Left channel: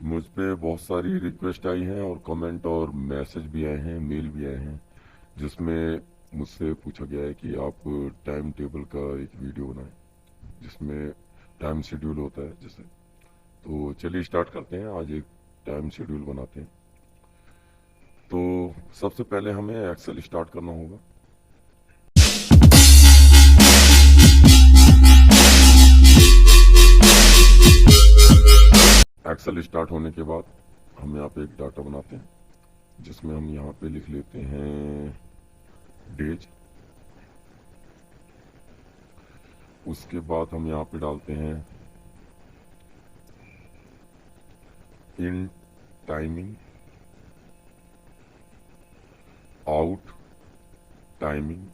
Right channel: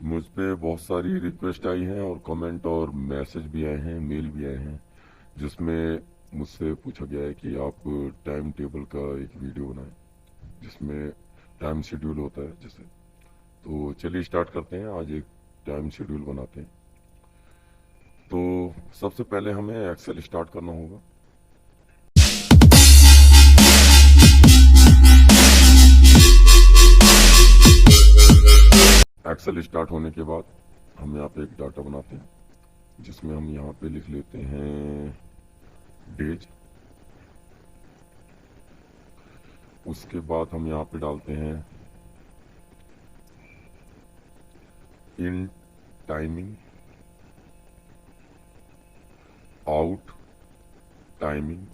मुझ पे बहुत सारी रिक्वेस्ट आई है और कमेंट और मैसेज भी आए हैं, मेल भी आए हैं, जिसमें मुझसे पूछा गया है कि आप टाइम टेबल का एक वीडियो बनाएं जिसमें टाइम शेड्यूल होता है जैसे। तो चलिए स्टार्ट करते हैं, आज एक टाइम शेड्यूल बनाते हैं। तो सबसे पहले हमें एक्सेल स्टार्ट करना होगा। एक्सेल स्टार्ट होने के बाद हम यहाँ पे एक डाटा बनाते हैं जिसमें हम यहाँ पे लिख लेते हैं डेज। उसके बाद हम यहाँ पे डालते हैं in timing, out timing,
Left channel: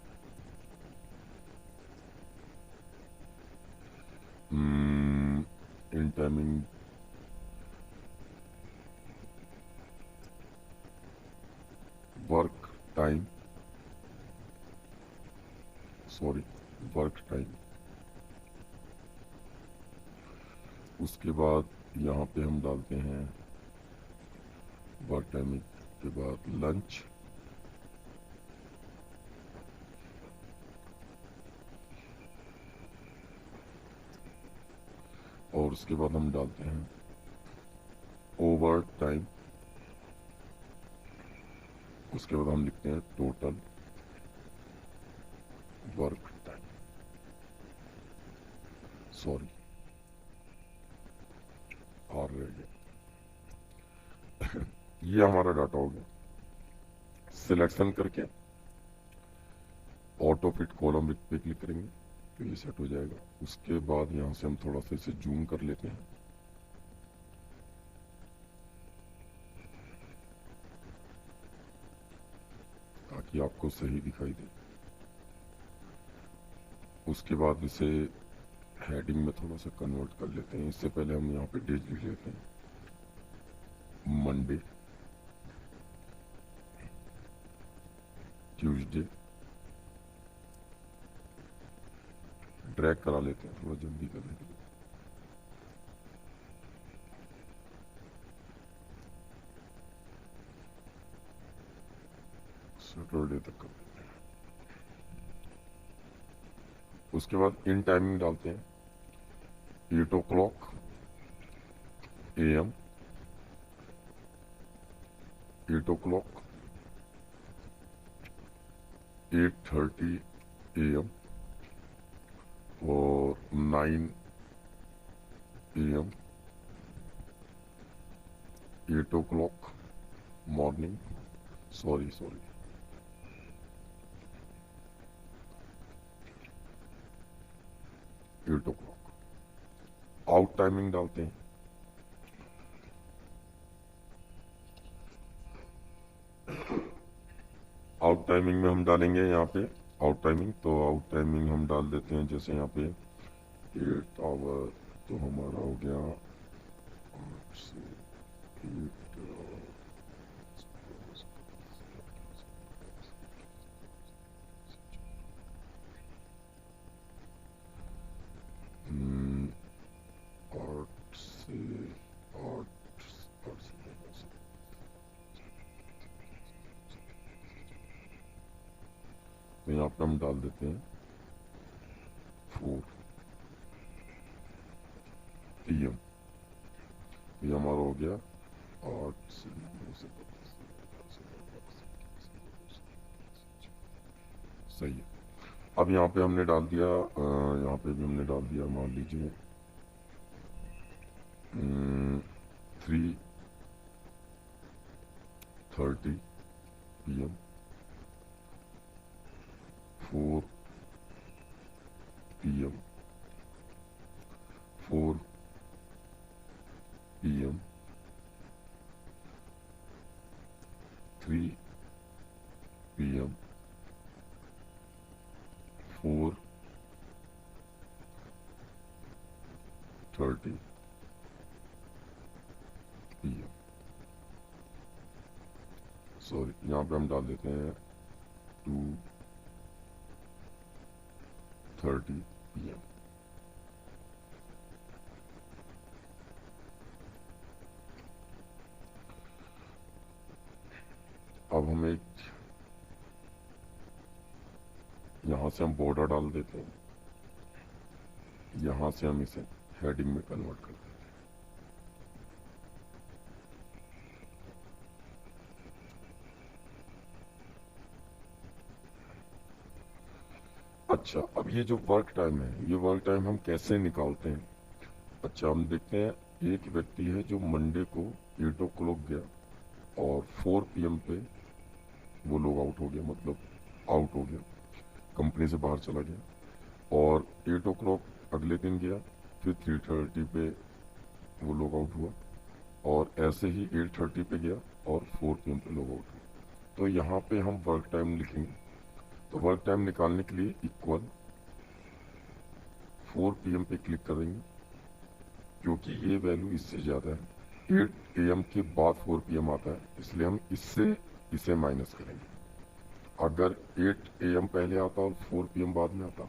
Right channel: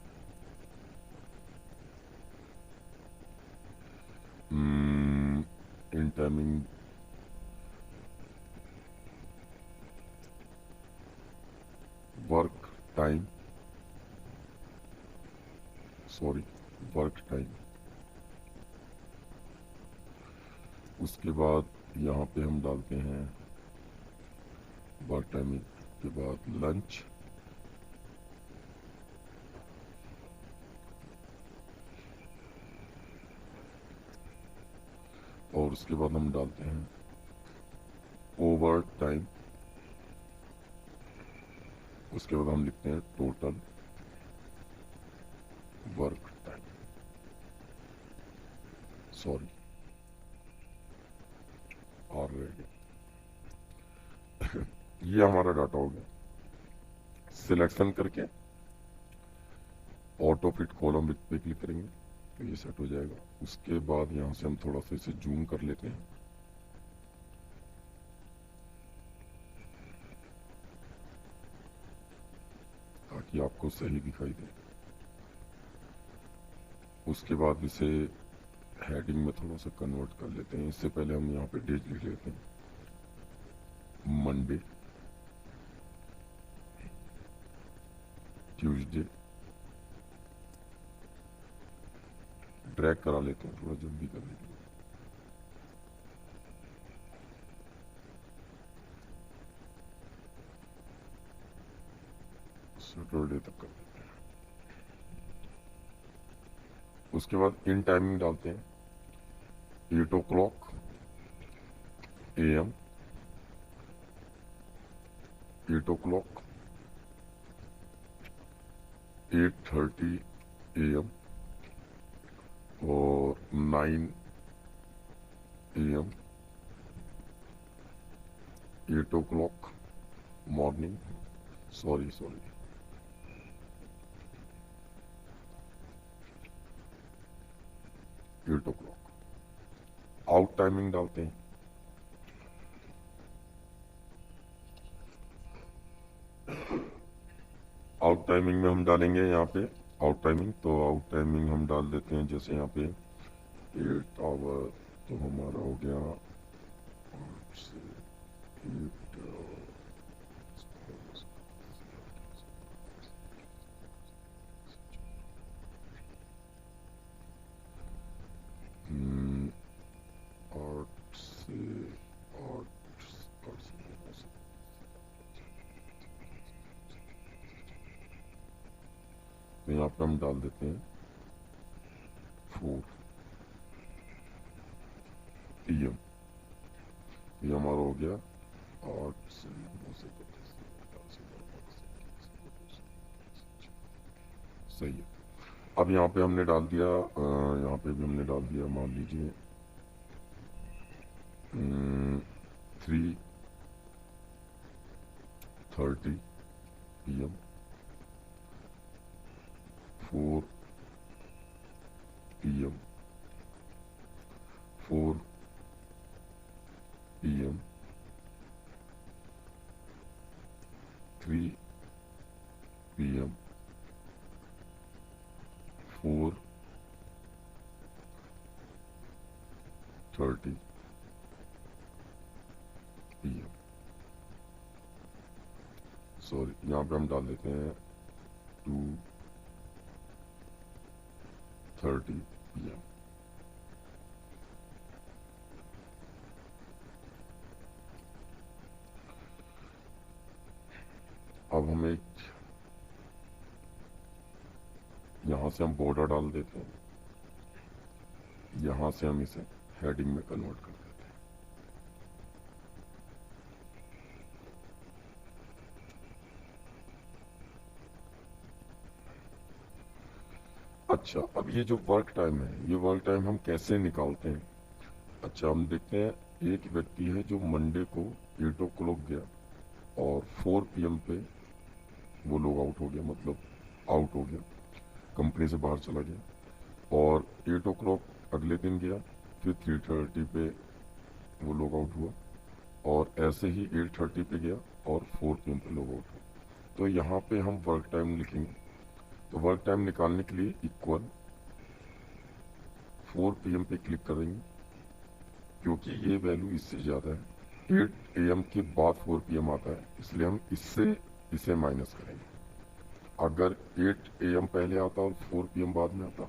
in timing, work time, sorry work time. उसके बाद यहाँ पे हम डालते हैं वर्क टाइमिंग के बाद लंच। और उसके बाद हम डालते हैं ओवर टाइम। उसके बाद हम लिखते हैं टोटल वर्क टाइम, सॉरी और रह गया। ये हमारा डाटा हो गया। सिलेक्शन करके ऑटो फिट कॉलम पे क्लिक करेंगे तो ये सेट हो जाएगा। उसके बाद यहाँ से हम थोड़ा सा इसे जूम कर लेते हैं ताकि आपको सही दिखाई दे। उसके बाद इसे हेडिंग में थोड़ा सा कन्वर्ट कर लेते हैं। इससे पहले हम यहाँ पे डेज लिख लेते हैं, मंडे, ट्यूसडे। ड्रैग करा लेते हैं थोड़ा जल्दी करने के लिए। सैटरडे तक कर देते हैं। उसके बाद इन टाइमिंग डालते हैं 8 o'clock AM, 8 o'clock, 8:30 AM और 9 AM, 8 o'clock morning, sorry 8 o'clock। Out timing डालते हैं आउट टाइमिंग में हम डालेंगे यहाँ पे आउट टाइमिंग। तो आउट टाइमिंग हम डाल देते हैं जैसे यहाँ पे 8 आवर, तो हमारा हो गया 8 से 8 8 से 8 तो यहाँ पे हम डाल देते हैं 4 PM। ये हमारा हो गया 8 से 9 से 10 सही है। अब यहाँ पे हमने डाल दिया, यहाँ पे भी हमने डाल दिया, मान लीजिए 3:30 PM, 4 PM, 4 PM, 3 PM, 4:30 PM। Sorry, यहाँ पे हम डाल देते हैं 2:30 PM। अब हम एक यहाँ से हम बॉर्डर डाल देते हैं, यहाँ से हम इसे हेडिंग में कन्वर्ट कर देते हैं। अच्छा, अब ये जो वर्क टाइम है, ये वर्क टाइम हम कैसे निकालते हैं? अच्छा, हम देखते हैं, एक व्यक्ति है जो मंडे को 8 o'clock गया और 4 PM पे वो लॉग आउट हो गया, मतलब आउट हो गया, कंपनी से बाहर चला गया। और 8 o'clock अगले दिन गया, फिर 3:30 पे वो लॉग आउट हुआ, और ऐसे ही 8:30 पे गया और 4 PM पे लॉग आउट हुआ। तो यहाँ पे हम वर्क टाइम लिखेंगे। तो वर्क टाइम निकालने के लिए इक्वल 4 PM पे क्लिक कर देंगे, क्योंकि ये वैल्यू इससे ज़्यादा है। 8 AM के बाद 4 PM आता है, इसलिए हम इससे इसे माइनस करेंगे। अगर 8 AM पहले आता और 4 PM बाद में आता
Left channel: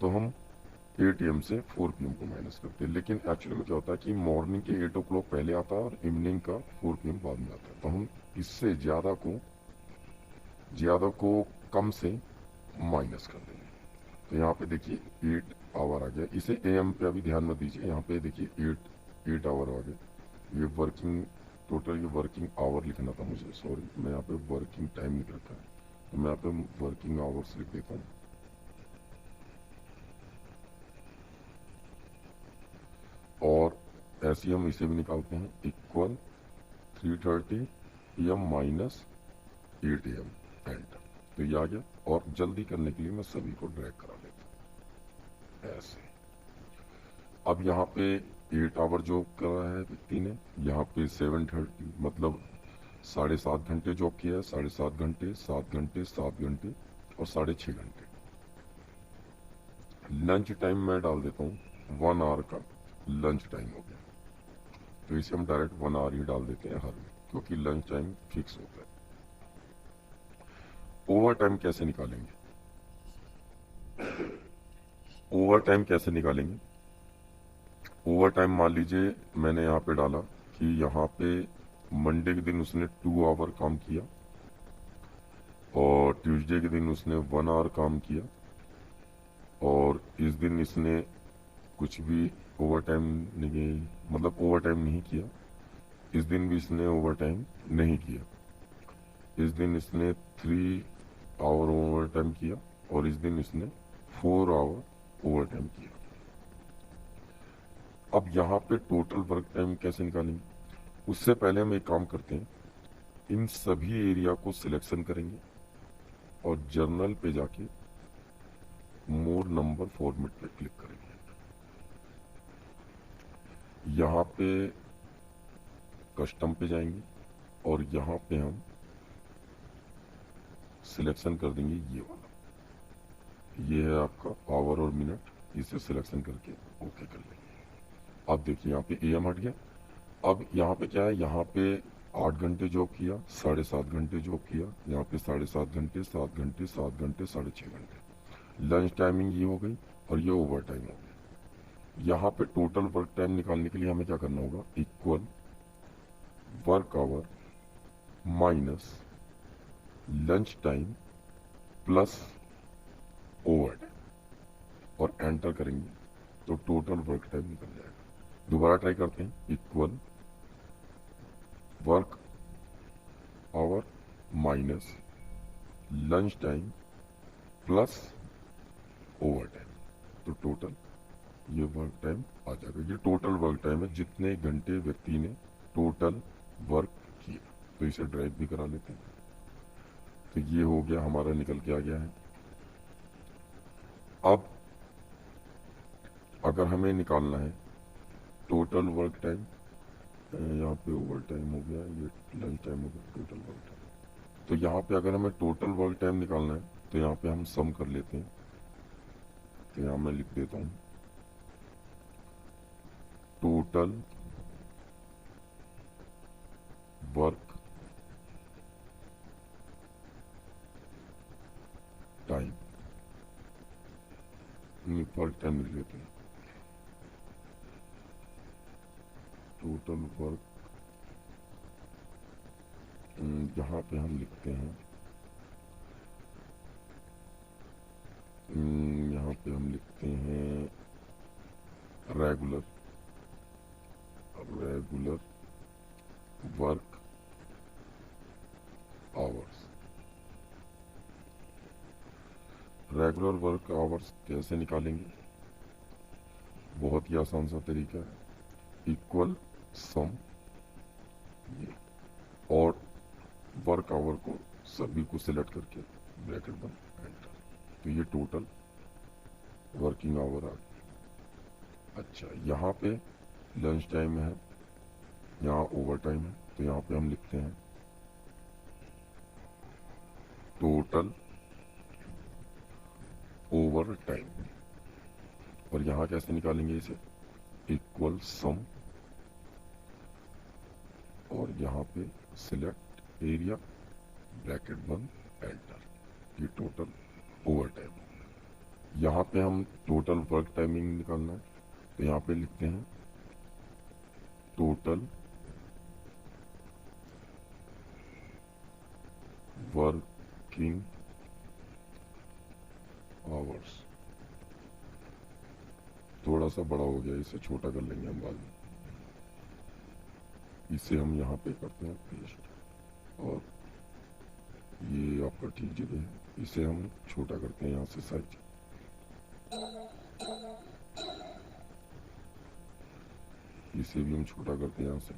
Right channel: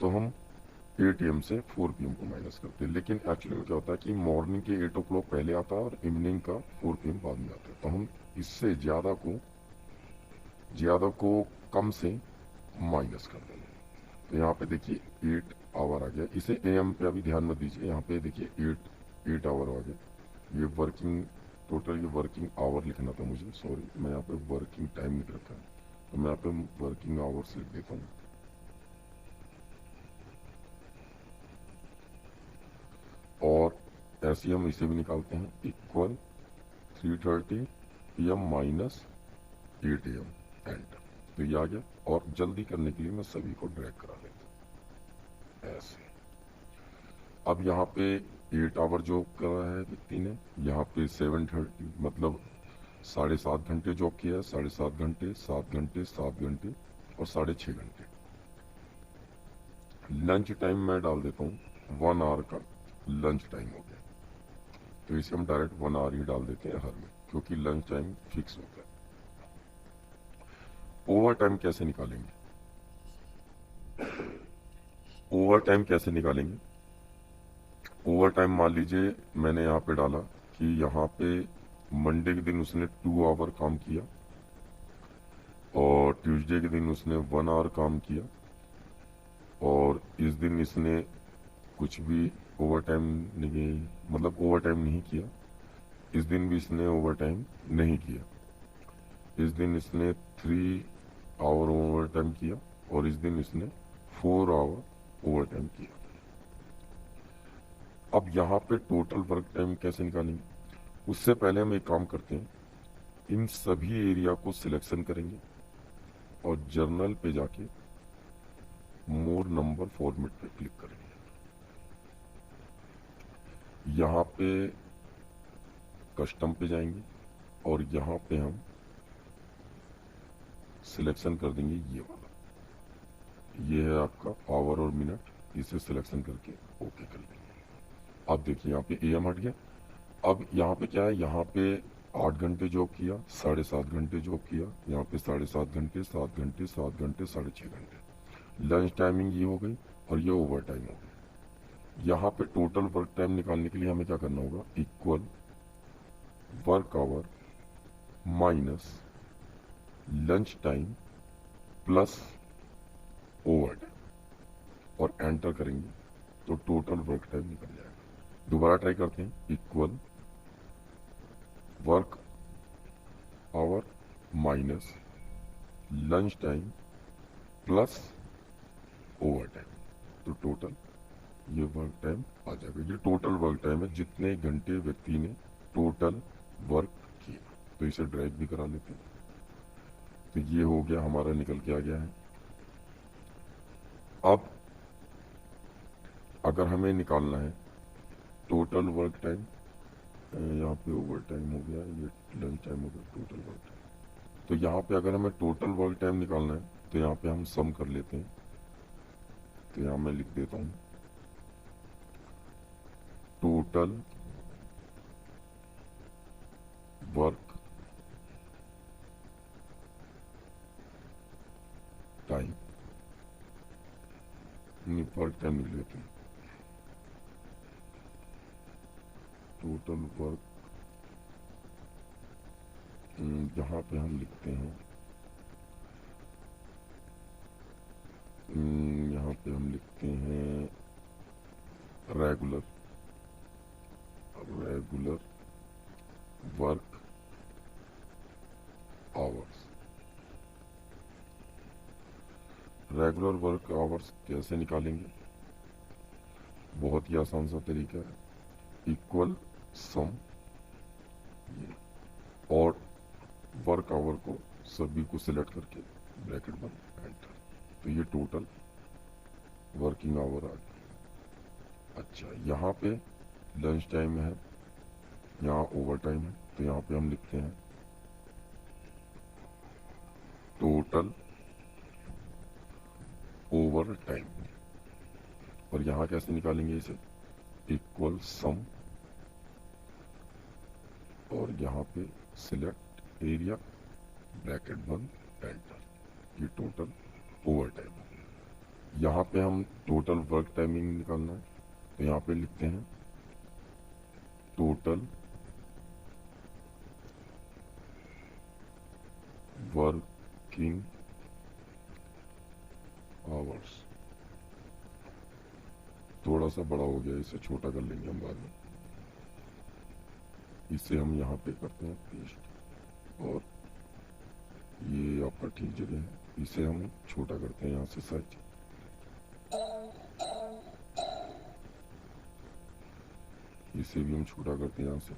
तो हम 8 AM से 4 PM को माइनस करते हैं। लेकिन एक्चुअली में क्या होता है कि मॉर्निंग के 8 o'clock पहले आता है और इवनिंग का 4 PM बाद में आता है, तो हम इससे ज़्यादा को कम से माइनस कर देंगे। तो यहाँ पे देखिए 8 आवर आ गया। इसे AM पे अभी ध्यान मत दीजिए, यहाँ पे देखिए 8 आवर आ गया। ये वर्किंग टोटल, ये वर्किंग आवर लिखना था मुझे, सॉरी, मैं यहाँ पे वर्किंग टाइम लिख रखा है, तो मैं यहाँ पे वर्किंग आवर्स लिख देता हूँ। और ऐसे हम इसे भी निकालते हैं, equal 3:30 PM minus 8 AM, enter. तो ये आ गया। और जल्दी करने के लिए मैं सभी को ड्रैग करा लेता हूँ ऐसे। अब यहाँ पे 8 आवर जॉब करा है व्यक्ति ने, यहाँ पे 7:30 मतलब 7.5 घंटे जॉब किया है। 7.5 घंटे, 7 घंटे, 7 घंटे और 6.5 घंटे। लंच टाइम मैं डाल देता हूँ, 1 आवर का लंच टाइम हो गया। तो इसे हम डायरेक्ट 1 आवर ही डाल देते हैं हर में, क्योंकि लंच टाइम फिक्स होता है। ओवर टाइम कैसे निकालेंगे? ओवर टाइम कैसे निकालेंगे? ओवर टाइम मान लीजिए मैंने यहाँ पे डाला कि यहाँ पे मंडे के दिन उसने 2 आवर काम किया और ट्यूसडे के दिन उसने 1 आवर काम किया, और इस दिन इसने कुछ भी ओवर टाइम नहीं, मतलब ओवर टाइम नहीं किया। इस दिन भी इसने ओवर टाइम नहीं किया। इस दिन इसने 3 आवर ओवर टाइम किया और इस दिन इसने 4 आवर ओवर टाइम किया। अब यहाँ पे टोटल वर्क टाइम कैसे निकालेंगे? उससे पहले हम एक काम करते हैं, इन सभी एरिया को सिलेक्शन करेंगे और जर्नल पे जाके मोर नंबर फॉर्मेट पे क्लिक करेंगे। यहाँ पे कस्टम पे जाएंगे और यहाँ पे हम सिलेक्शन कर देंगे ये वाला। ये है आपका आवर और मिनट, इसे सिलेक्शन करके ओके कर लेंगे। अब देखिए यहाँ पे AM हट गया। अब यहाँ पे क्या है, यहाँ पे 8 घंटे जॉब किया, 7.5 घंटे जॉब किया, यहाँ पे 7.5 घंटे, 7 घंटे, 7 घंटे, 6.5 घंटे। लंच टाइमिंग ये हो गई और ये ओवर टाइम हो गई। यहाँ पे टोटल वर्क टाइम निकालने के लिए हमें क्या करना होगा, equal work hour minus lunch time plus over time, और एंटर करेंगे तो टोटल वर्क टाइम निकल जाएगा। दोबारा ट्राई करते हैं, equal work hour minus lunch time plus over time, तो टोटल ये वर्क टाइम आ जाएगा। ये टोटल वर्क टाइम है, जितने घंटे व्यक्ति ने टोटल वर्क किया। तो इसे ड्रैग भी करा लेते हैं। तो ये हो गया, हमारा निकल के आ गया है। अब अगर हमें निकालना है टोटल वर्क टाइम, यहाँ पे ओवर टाइम हो गया, ये लंच टाइम हो गया, टोटल वर्क टाइम। तो यहाँ पे अगर हमें टोटल वर्क टाइम निकालना है तो यहाँ पे हम सम कर लेते हैं। तो यहाँ मैं लिख देता हूँ total work time, work time लिख लेते हैं, टोटल वर्क यहाँ पे हम लिखते हैं, यहाँ पे हम लिखते हैं regular work hours. Regular work hours कैसे निकालेंगे? बहुत ही आसान सा तरीका है, इक्वल सम और वर्क आवर को सभी को सिलेक्ट करके ब्रैकेट बंद एंटर, तो ये टोटल वर्किंग आवर आ गया। अच्छा, यहाँ पे लंच टाइम है, यहाँ ओवर टाइम है, तो यहाँ पे हम लिखते हैं टोटल ओवर टाइम। और यहाँ कैसे निकालेंगे इसे? इक्वल सम और यहाँ पे सिलेक्ट एरिया ब्रैकेट बंद एंटर, ये टोटल ओवर टाइम। यहाँ पे हम टोटल वर्क टाइमिंग निकालना है, तो यहाँ पे लिखते हैं टोटल वर्किंग आवर्स। थोड़ा सा बड़ा हो गया, इसे छोटा कर लेंगे हम बाद में। इसे हम यहाँ पे करते हैं पेस्ट, और ये आपका ठीक जगह है, इसे हम छोटा करते हैं यहाँ से सर्च। इसे भी हम छोटा करते हैं यहाँ से,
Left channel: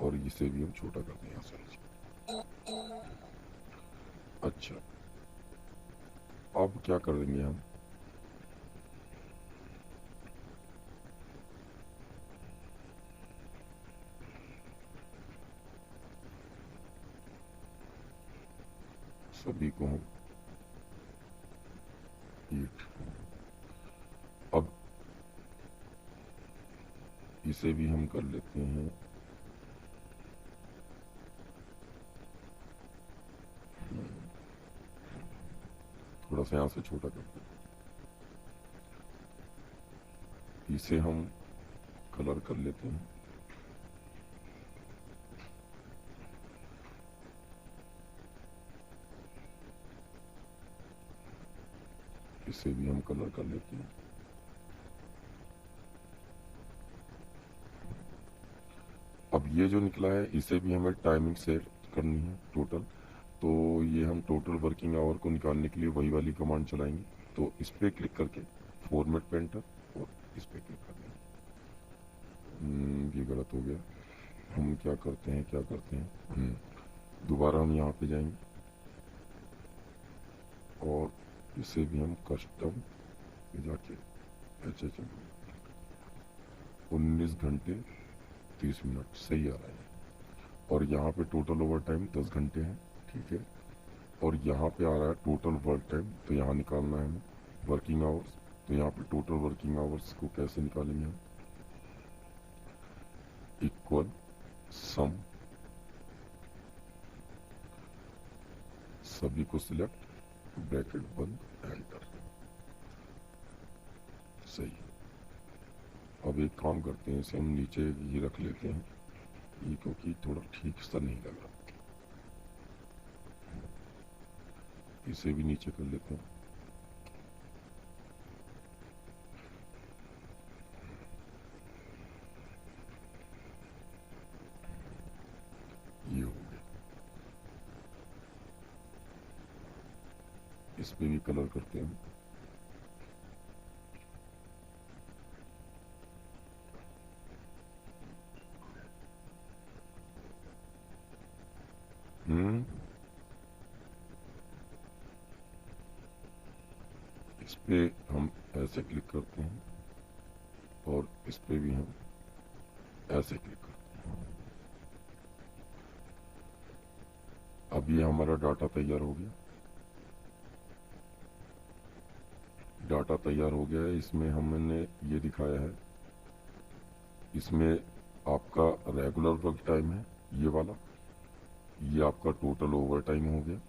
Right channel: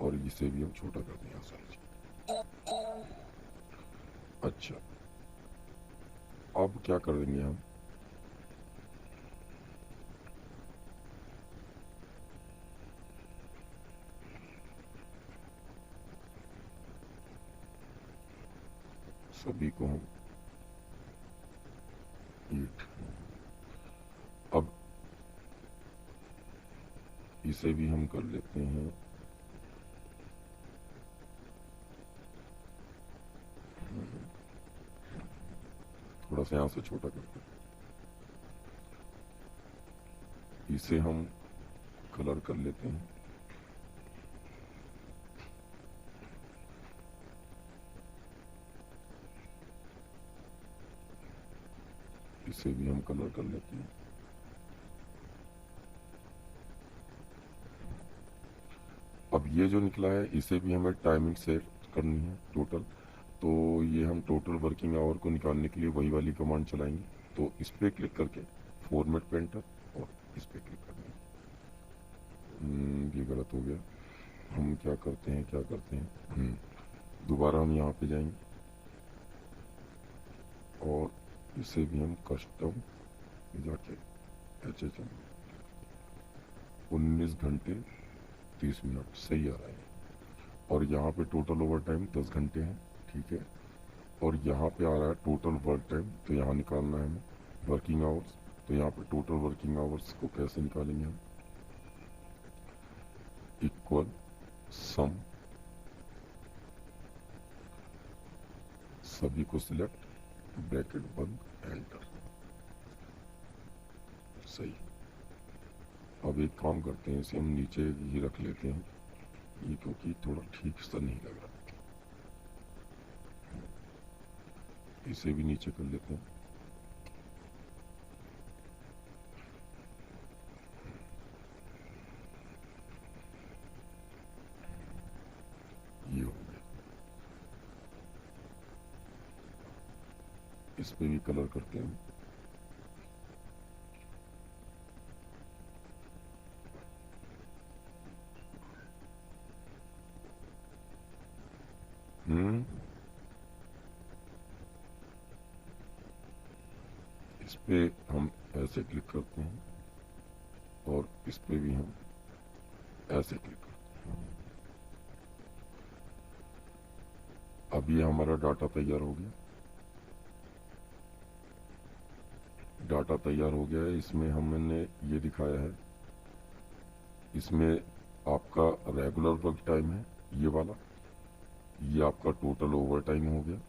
और इसे भी हम छोटा करते हैं यहाँ से। अच्छा, अब क्या करेंगे हम? सभी को ईट। अब इसे भी हम कर लेते हैं थोड़ा सा यहाँ से छोटा करते हैं, इसे हम कलर कर लेते हैं। इसे भी हम कलर कर लेते हैं। अब ये जो निकला है, इसे भी हमें टाइमिंग सेट करनी है टोटल, तो ये हम टोटल वर्किंग आवर को निकालने के लिए वही वाली कमांड चलाएंगे। तो इस पर क्लिक करके फॉर्मेट पे एंटर, और इस पर क्लिक कर देंगे। ये गलत हो गया। हम क्या करते हैं, दोबारा हम यहाँ पे जाएंगे, और इसे भी हम कस्टम जाके 19 घंटे 30 मिनट सही आ रहा है। और यहाँ पे टोटल ओवर टाइम 10 घंटे है, ठीक है। और यहाँ पे आ रहा है टोटल वर्क टाइम, तो यहाँ निकालना है हमें वर्किंग आवर्स। तो यहाँ पे टोटल वर्किंग आवर्स को कैसे निकालेंगे हम? इक्वल सम, सभी को सिलेक्ट ब्रैकेट बंद एंटर, सही। अब एक काम करते हैं, इसे हम नीचे ये रख लेते हैं, ये क्योंकि थोड़ा ठीक सा नहीं लग रहा, इसे भी नीचे कर लेते हैं। ये हो गया। इस पे भी कलर करते हैं। इस पे हम ऐसे क्लिक करते हैं, और इस पे भी हम ऐसे क्लिक करते हैं। अब ये हमारा डाटा तैयार हो गया। डाटा तैयार हो गया है, इसमें हमने ये दिखाया है, इसमें आपका रेगुलर वर्क टाइम है ये वाला, ये आपका टोटल ओवर टाइम हो गया।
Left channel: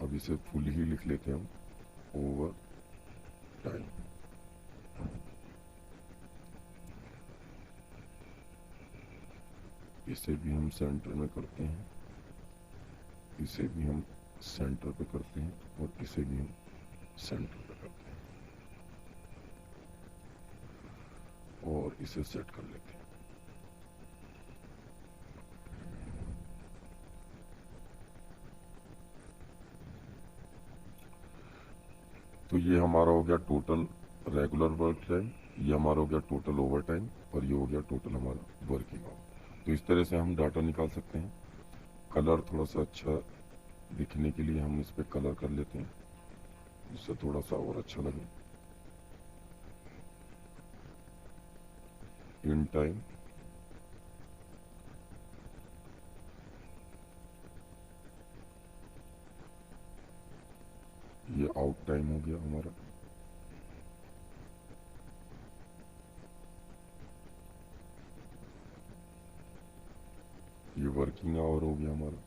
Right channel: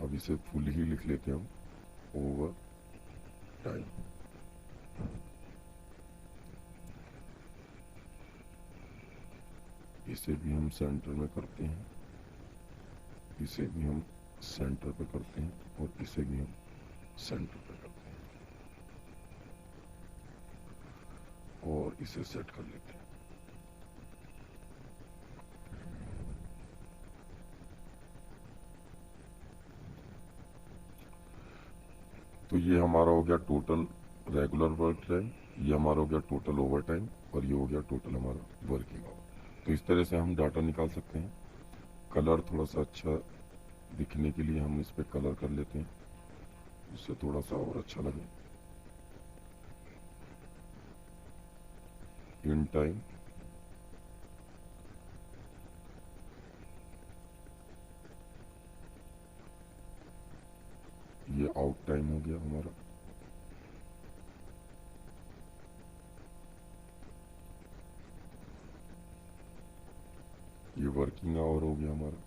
अब इसे फुल ही लिख लेते हैं हम, ओवर टाइम। इसे भी हम सेंटर में करते हैं, इसे भी हम सेंटर पे करते हैं और इसे भी हम सेंटर पे करते हैं और इसे सेट कर लेते हैं। तो ये हमारा हो गया टोटल रेगुलर वर्क टाइम, ये हमारा हो गया टोटल ओवर टाइम और ये हो गया टोटल हमारा वर्किंग आवर। तो इस तरह से हम डाटा निकाल सकते हैं। कलर थोड़ा सा अच्छा दिखने के लिए हम इस पे कलर कर लेते हैं, इससे थोड़ा सा और अच्छा लगे। इन टाइम, ये आउट टाइम हो गया हमारा, ये वर्किंग आवर हो गया हमारा,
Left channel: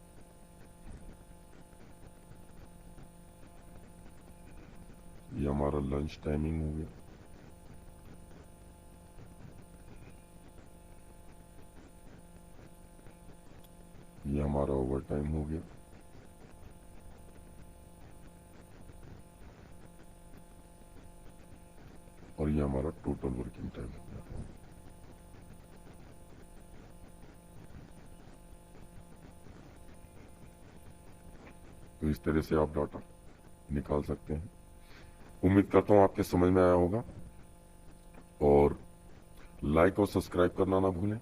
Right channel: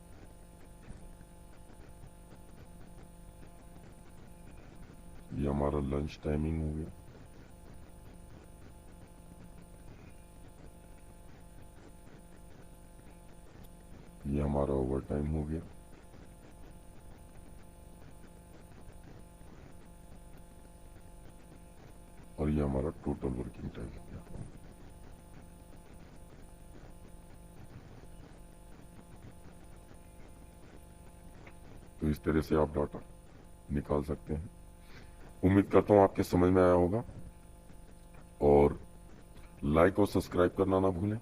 ये हमारा लंच टाइमिंग हो गया, ये हमारा ओवर टाइम हो गया, और ये हमारा टोटल वर्किंग टाइम हो गया। तो इस तरह से आप डाटा निकाल सकते हैं। उम्मीद करता हूं आपके समझ में आया होगा, और लाइक और सब्सक्राइब करना ना भूलें।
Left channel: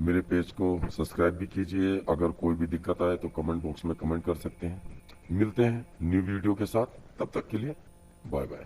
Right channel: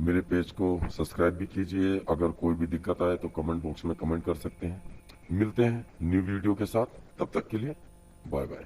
मेरे पेज को सब्सक्राइब भी कीजिए। अगर कोई भी दिक्कत आए तो कमेंट बॉक्स में कमेंट कर सकते हैं। मिलते हैं न्यू वीडियो के साथ, तब तक के लिए बाय बाय।